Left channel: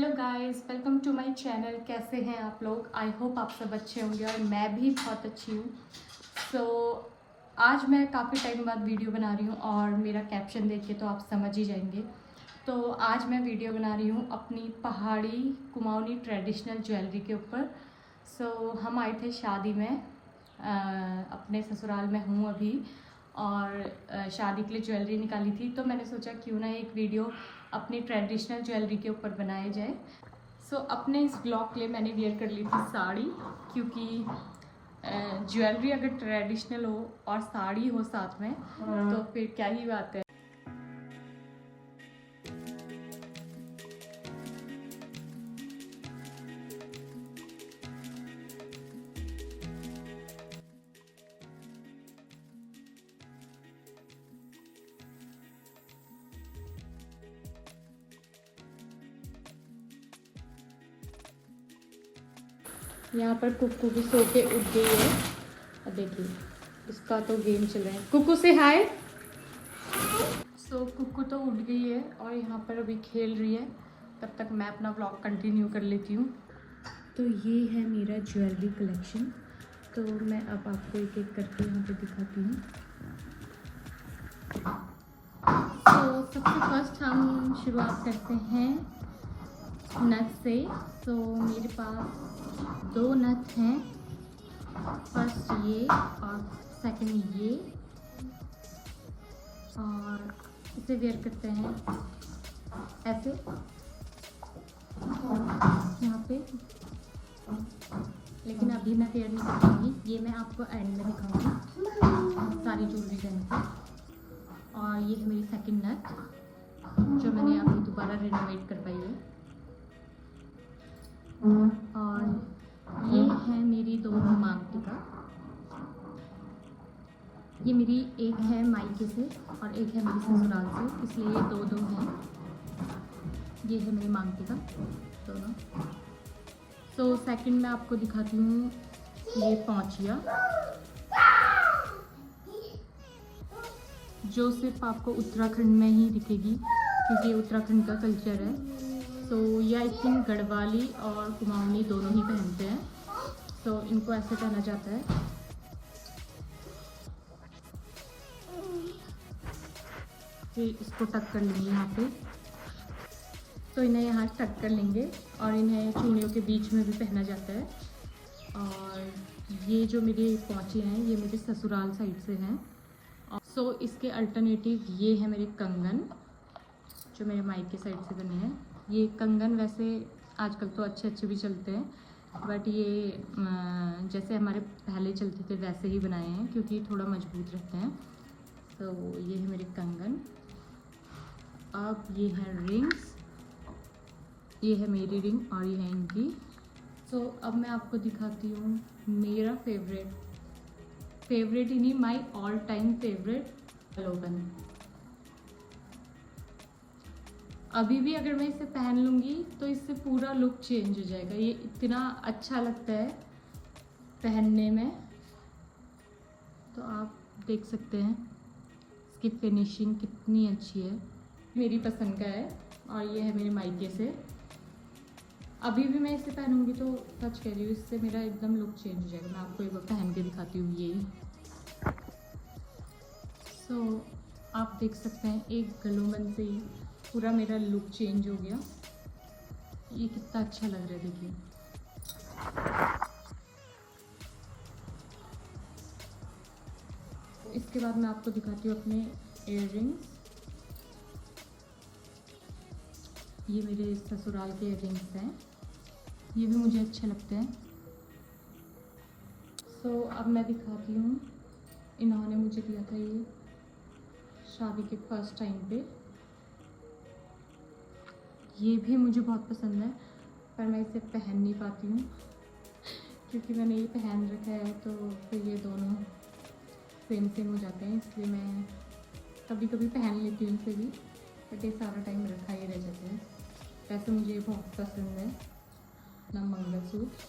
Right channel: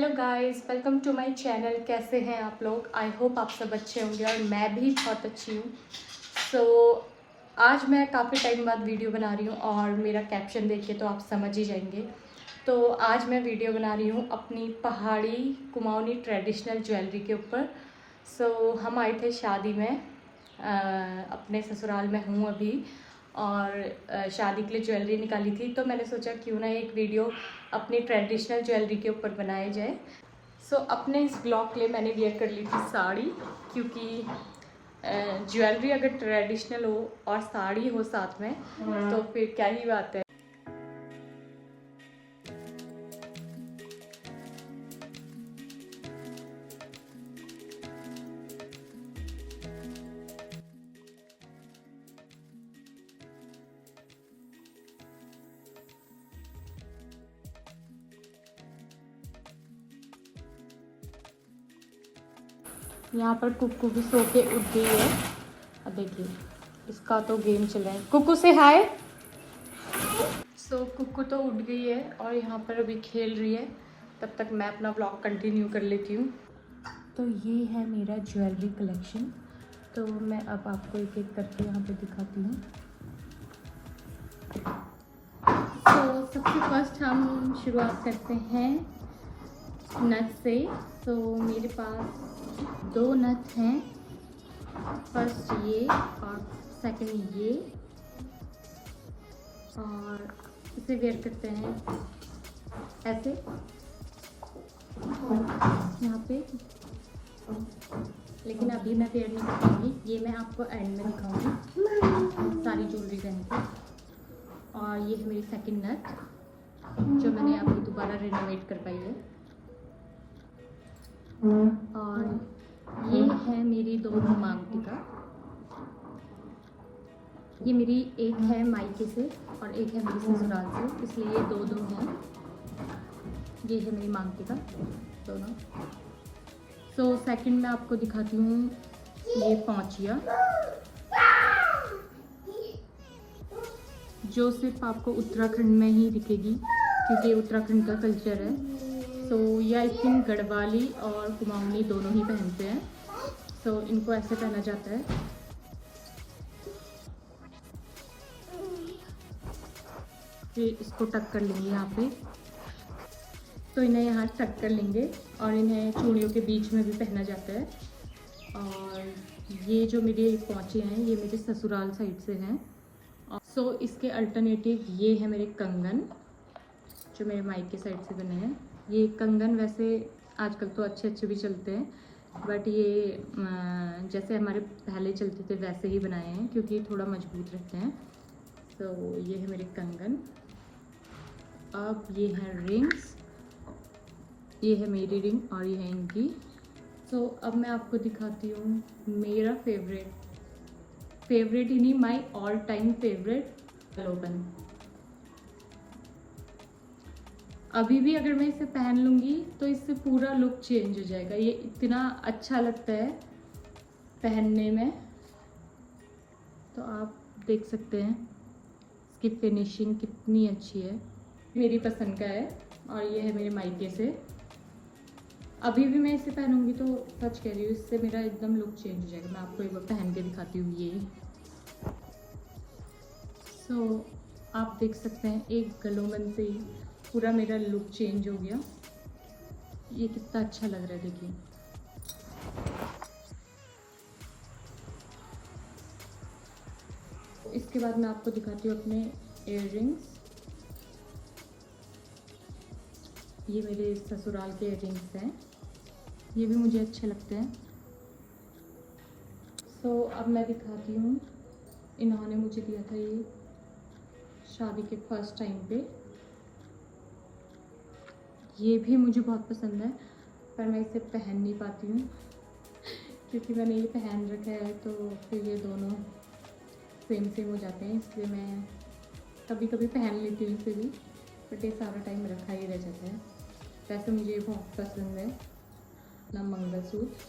Hello guys, welcome to my channel. कैसे हैं आप लोग? आई होप आप सब अच्छे होंगे और मैं भी बहुत अच्छी हूँ। सो आज मैं काफ़ी टाइम बाद वीडियो बना रही हूँ और मेरा कैप्शन देख के तो आप समझ ही जाएंगे। तो आज मैं वीडियो बना रही हूँ अपनी पहाड़ी कुमाऊनी ट्रेडिशनल ज्वेलरी के ऊपर। सो हम आए थे शादी में, अपने ससुराल में हूँ अभी और शादी के लिए ज्वेलरी निकाली थी, तो मैंने सोचा क्यों ना एक वीडियो अपनी ट्रेडिशनल ज्वेलरी के ऊपर बनाया जाए। सो अपने इस ब्लॉग के लिए मैंने वियर कर ली थी साड़ी, क्योंकि ज्वेलरी अगर ट्रेडिशनल हो और साड़ी हो साथ में तो फिर क्या ही बात है। यहाँ पर कुक्कू भी सो के उठ गई है। अब देखिए इसका तो गेम चल रहा है। कुक्कू से हाय। सो कुक्कू तो उठ गई है और यहाँ पर अभी खेल रही है। तब तक मैं अपना व्लॉग कंटिन्यू कर लेती हूँ। तो ये है मेरा ज्वेलरी कलेक्शन। तो मैं अब आपको एक एक करके यहाँ पर दिखाती हूँ। तो सबसे फर्स्ट हम शुरुआत करते हैं नथ से। तो मेरे पास दो नथ हैं, फर्स्ट ये और सेकंड ये, और इसे वेयर करते हैं ऐसे यहाँ पे। लेकिन अभी मैं वेयर नहीं करूँगी, ये मैं आपको एंड में दिखाऊंगी सारी ज्वेलरी पहन के। और ये है मेरी सेकंड नथ जो मैंने अभी दोबारा रिनोवेट कर पाई है। और ये है मेरी दो मांग टीका। ये मेरी एक है मायके से और एक है मेरी ससुराल से, इसलिए ये दो दो हैं। ये है मेरी मांग टीका दोनों। तो सेकंड में आपको दिखाती हूँ ये पौंचिया, जो सिर्फ आपको उत्तराखंड में ही दिखेगी क्योंकि ये उत्तराखंड का कल्चर है। तो ये आई थिंक गढ़वाली और कुमाऊनी दोनों ही पहनते हैं। तो इनको ऐसे पहना जाता है। ये इसको टक कर लेंगे यहाँ पे, तो इन्हें यहाँ टक कर लेंगे और इन्हें चूड़ियों के बीच में भी पहना जाता है। और ये जो मेरी पौंचे हैं ये मेरे ससुराल साइड से हैं। सो इसके अल्टरनेटिव ये है मेरे कंगन जो मेरे मायके साइड से बने हैं। ये कंगन वैसे आजकल तो अच्छे अच्छे भी चलते हैं, बट ये जैसे हमारे पहले चलते थे वैसे ही बनाए हैं क्योंकि थोड़ा मजबूत रहते हैं। तो ये है मेरे कंगन। अब ये है रिंग्स, ये है मेरी रिंग और ये है इनकी। तो अब मैं आपको दिखाती हूँ मेरा फेवरेट ही नहीं, my all time favourite low bun. अभी भी अगर मैं इसे पहन लूँगी तो इससे पूरा लुक चेंज हो जाएगा। ये इतना अच्छा लगता है पहनने में, तो आप देख सकते हैं इसकी फिनिशिंग कितनी अच्छी है। मेरी पसंद का है और ये है मेरे मायके से। अभी भी मैं इसे पहनूंगी तो सच कह रही हूँ इससे मेरा एकदम लुक चेंज हो जाएगा। मैं आपको एक बार पहन के दिखाती हूँ ये। तो आप देख सकते हैं एक गलोबन से ही पूरा मेरा लुक चेंज हो गया। ये कितना अच्छा लग रहा है देखिए। इसके बाद मैं आपको दिखाती हूँ अपने इयररिंग्स। ये मेरे ससुराल के इयररिंग्स हैं, ये भी मुझे अच्छे लगते हैं। सो अब मैं दिखाती हूँ, इन्होंने मुझे दिया था ये शादी के फर्स्ट टाइम पे। ये भी मुझे बहुत पसंद है पर मैं इसे पहन नहीं पाती हूँ क्योंकि मैंने ये पहन रखा है तो फिर ये दोनों सेम हो जाते हैं, इसलिए मैं कभी कभी पहन लेती हूँ इसे भी, बट ये सारा टाइम रखा ही रह जाता है। वैसे मुझे ये बहुत पसंद है ना मंगलसूत्र।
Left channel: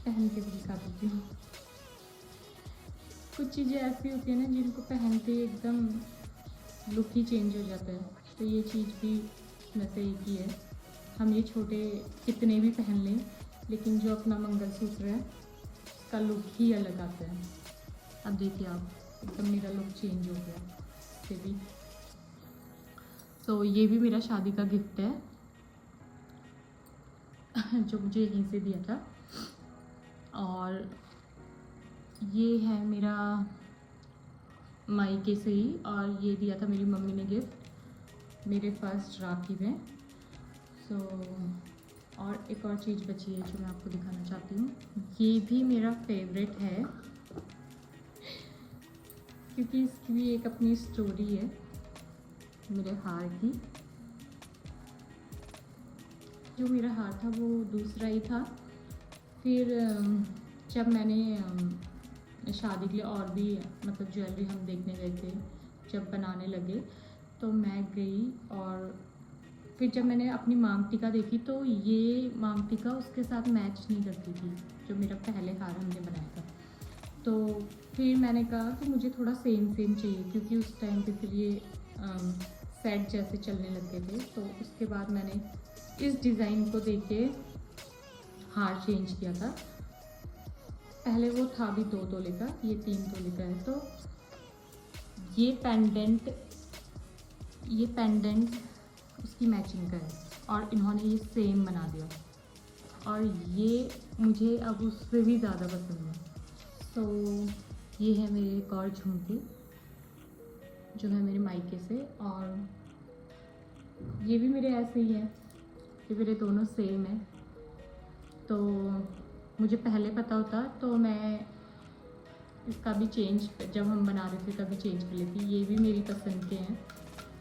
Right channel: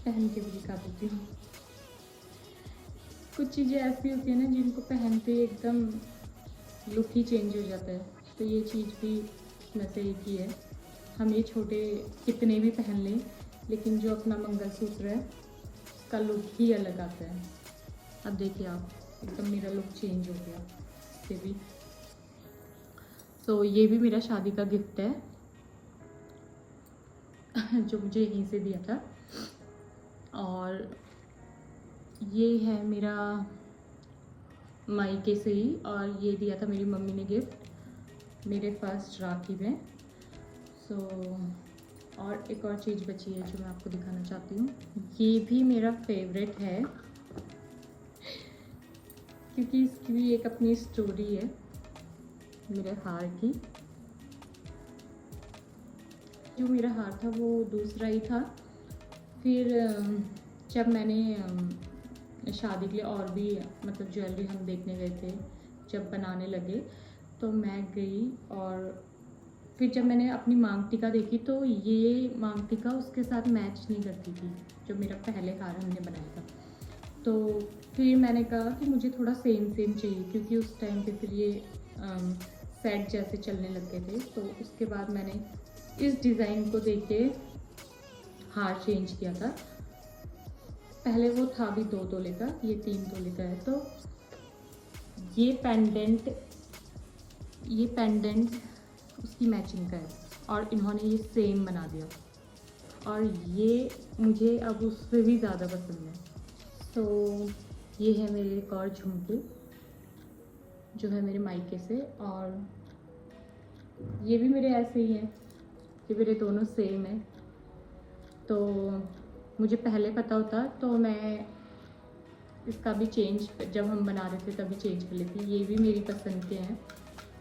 पहन के भी दिखा देती हूँ। कुछ चीज़ें ऐसी होती है ना जिनको पहनते ही एकदम लुक ही चेंज हो जाता है। तो ये चीज़ भी मैं सही की है। हम ये छोटे कितने भी पहन लें, लेकिन जो अपना मंगलसूत्र है उसका लुक ही अलग आता है। अब देखिए आप, एकदम मेरा लुक चेंज हो गया इससे भी। तो ये भी मेरा शादी का गिफ्ट है जो मुझे यहीं से दिया था। और ये है मेरा मायके से ही, और ये दिया था मेरी मम्मी ने गिफ्ट मेरे फर्स्ट राखी में। सो और एक और चीज़ बची है जो मैं आपको दिखाना चाहती हूँ। ये भी मेरा फेवरेट है क्योंकि इसकी भी एक अपनी स्टोरी है मेरे हार की। जो मेरा हार था वो दूसरा ही था। फिर जब मैंने शादी के लिए और भी मतलब ज्वेलरी हम देखने गए थे, जब बनाने लगे तो मैं गई, और फिर जब मैंने अपनी मांग टीका देखी तो ये मांग टीका उसके साथ मैच नहीं करती थी जो मेरा पहले हार हमने बनाया था। तो फिर मैंने कहा कि मुझे थोड़ा सेम सेम चाहिए, क्योंकि उस टाइम पे फिर ये सेट जैसे चलने लग गए थे। तो उसके बाद मैंने इस डिज़ाइन को देख के हार चेंज किया था। पहले वो था भी 2 तोले का, ये 3 तोले का है। तो ये पेंडेंट उसकी मैचिंग का है, और इन्होंने ये सेम बना दिया, और ये मुझे अब उससे भी ज़्यादा पसंद है। तो ये है मेरे एक और झुमके जो है मेरे मायके से, और ये भी मेरे ऐसे ही हैं, ये मेरे दोनों सेम है। तो मुझे पहले पता होता तो मैं इसका भी चेंज, जब हम बना रहे थे तभी चेंज कर लेती। ये भी मेरी पसंद के हैं,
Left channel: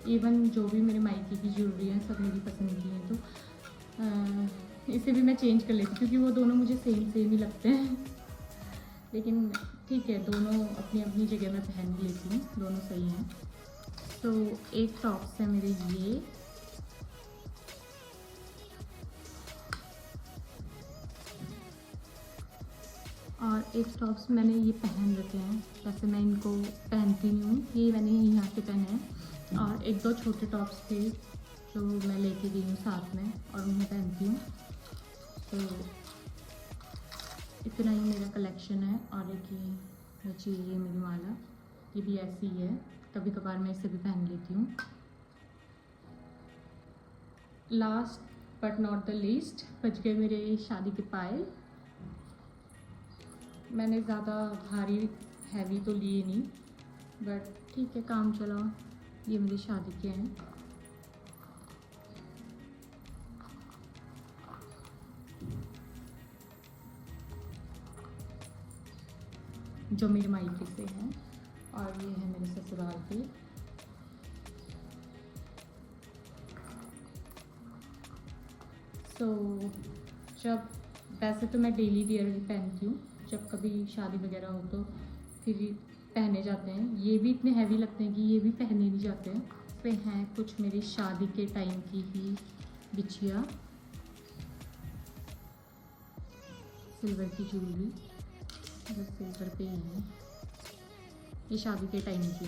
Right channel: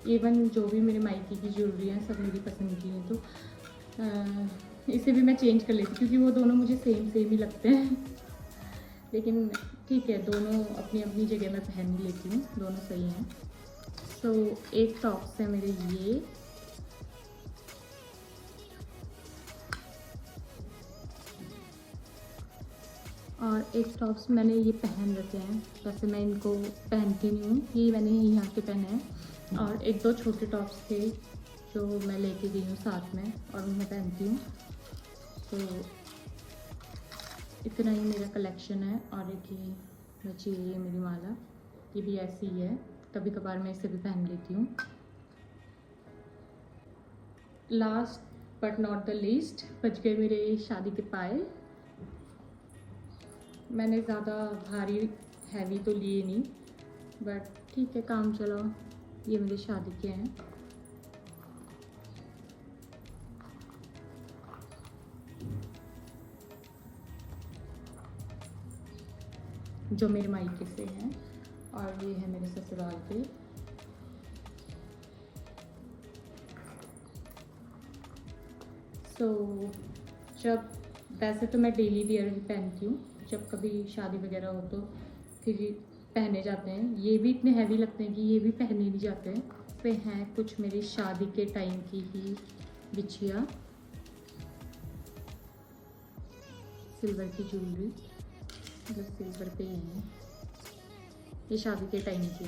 इवन जो भी मेरे मायके की ज्वेलरी हैं सब मेरी पसंद की हैं। तो इसे भी मैं चेंज कर लेती क्योंकि वो दोनों मुझे सेम सेम ही लगते हैं। लेकिन ठीक है, दोनों अपनी अपनी जगह मैं पहन लेती हूँ, दोनों सही हैं। तो एक टॉप्स है मेरे ये, और एक टॉप्स मैंने ये पहन रखे हैं, वैसे मैं इनको पहनती नहीं हूँ, ये मैंने यहाँ के पहने हैं। और 1-2 छोटे टॉप्स थे जो मैं लेके गई हूँ साथ में, और उन्हें पहनती हूँ। तो इतना ही मेरा कलेक्शन है। और एक ये मेरी माला, ये भी ऐसी ही है, कभी कभार मैं इसे भी पहन लेती हूँ। Last but not the least बच गए मेरे शादी के पायल। मैंने ज़्यादा भारी हैवी तो लिए नहीं, बट ठीक है, काम चला। ये मेरे शादी के हैं। जो मेरे मायके से हैं, और ये है मेरे ससुराल के। तो जब वैसे तो मैं डेली वियर ही पहनती हूँ, जब कभी शादी वगैरह हो तो फिर पहने जाते हैं। ये भी इतने हैवी लगते हैं कि ये भी पहने नहीं जाते हैं। पे हैं कुछ मेरी शादी के टाइम की ही बिछिया, सिल्वर की ज्वेलरी, मतलब सिल्वर पे ही है, ये शादी के टाइम की,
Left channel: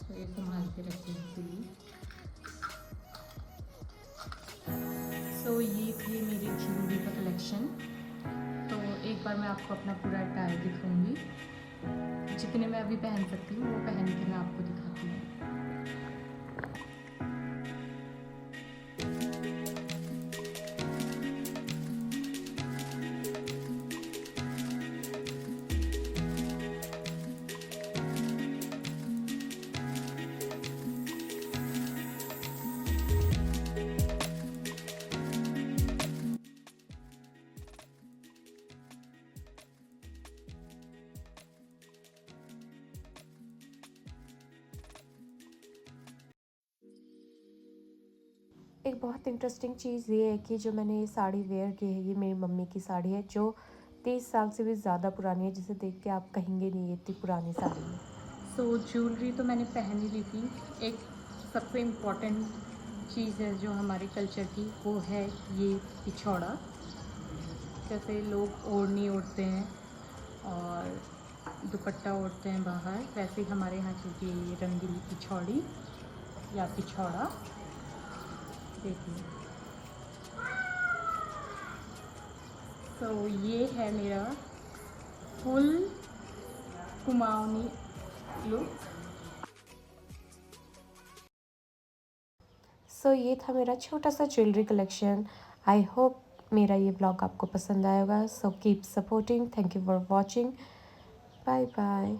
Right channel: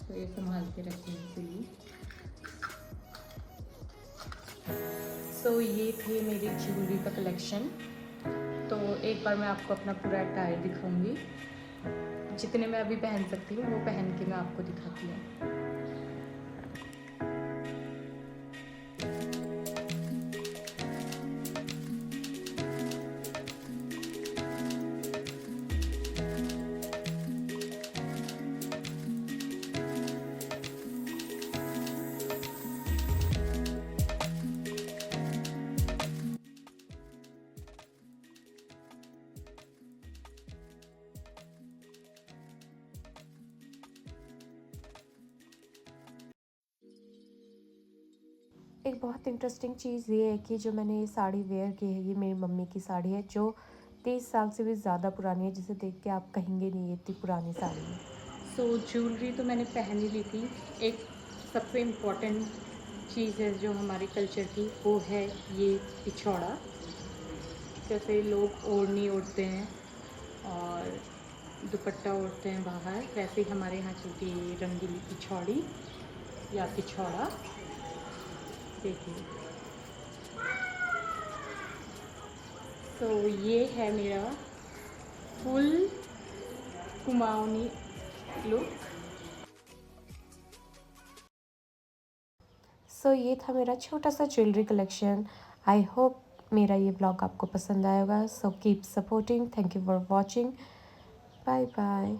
तो ये संभाल के रखने के लिए। तो ये थे मेरी ज्वेलरी का कलेक्शन। तो एक बार मैं आपको अपना पूरा अटायर दिखाऊंगी, जितने मैं अभी पहन सकती हूँ वो पहन के मैं आपको दिखाती हूँ। एक बहुत इंटरेस्टिंग चीज़ ये है कि जो मैंने ये साड़ी वेयर की है, ये मेरी मम्मी की साड़ी है जो 30 साल से भी ज़्यादा पुरानी है, जिसे देख के आप कहेंगे नहीं ये इतनी पुरानी साड़ी है। सो ज्वेलरी तो मैंने पहन ही ली थी। एक सबसे इम्पॉर्टेंट चीज़ है जो हमारे कल्चर की, वो है ये पिछौड़ा। जैसे लोग ओढ़नी ओढ़ते हैं और दुपट्टा ओढ़ते हैं बाहर, वैसे ही हमारे यहाँ चलती है रंगीली पिछौड़ी। या पिछवाड़ा देखिए। तो ये है मेरा फुल कुमाऊनी लुक। सो ये था मेरा छोटा सा ज्वेलरी कलेक्शन। आई होप मेरा ये ब्लॉग आपको पसंद आएगा। So keep supporting. Thank you for watching. Bye bye.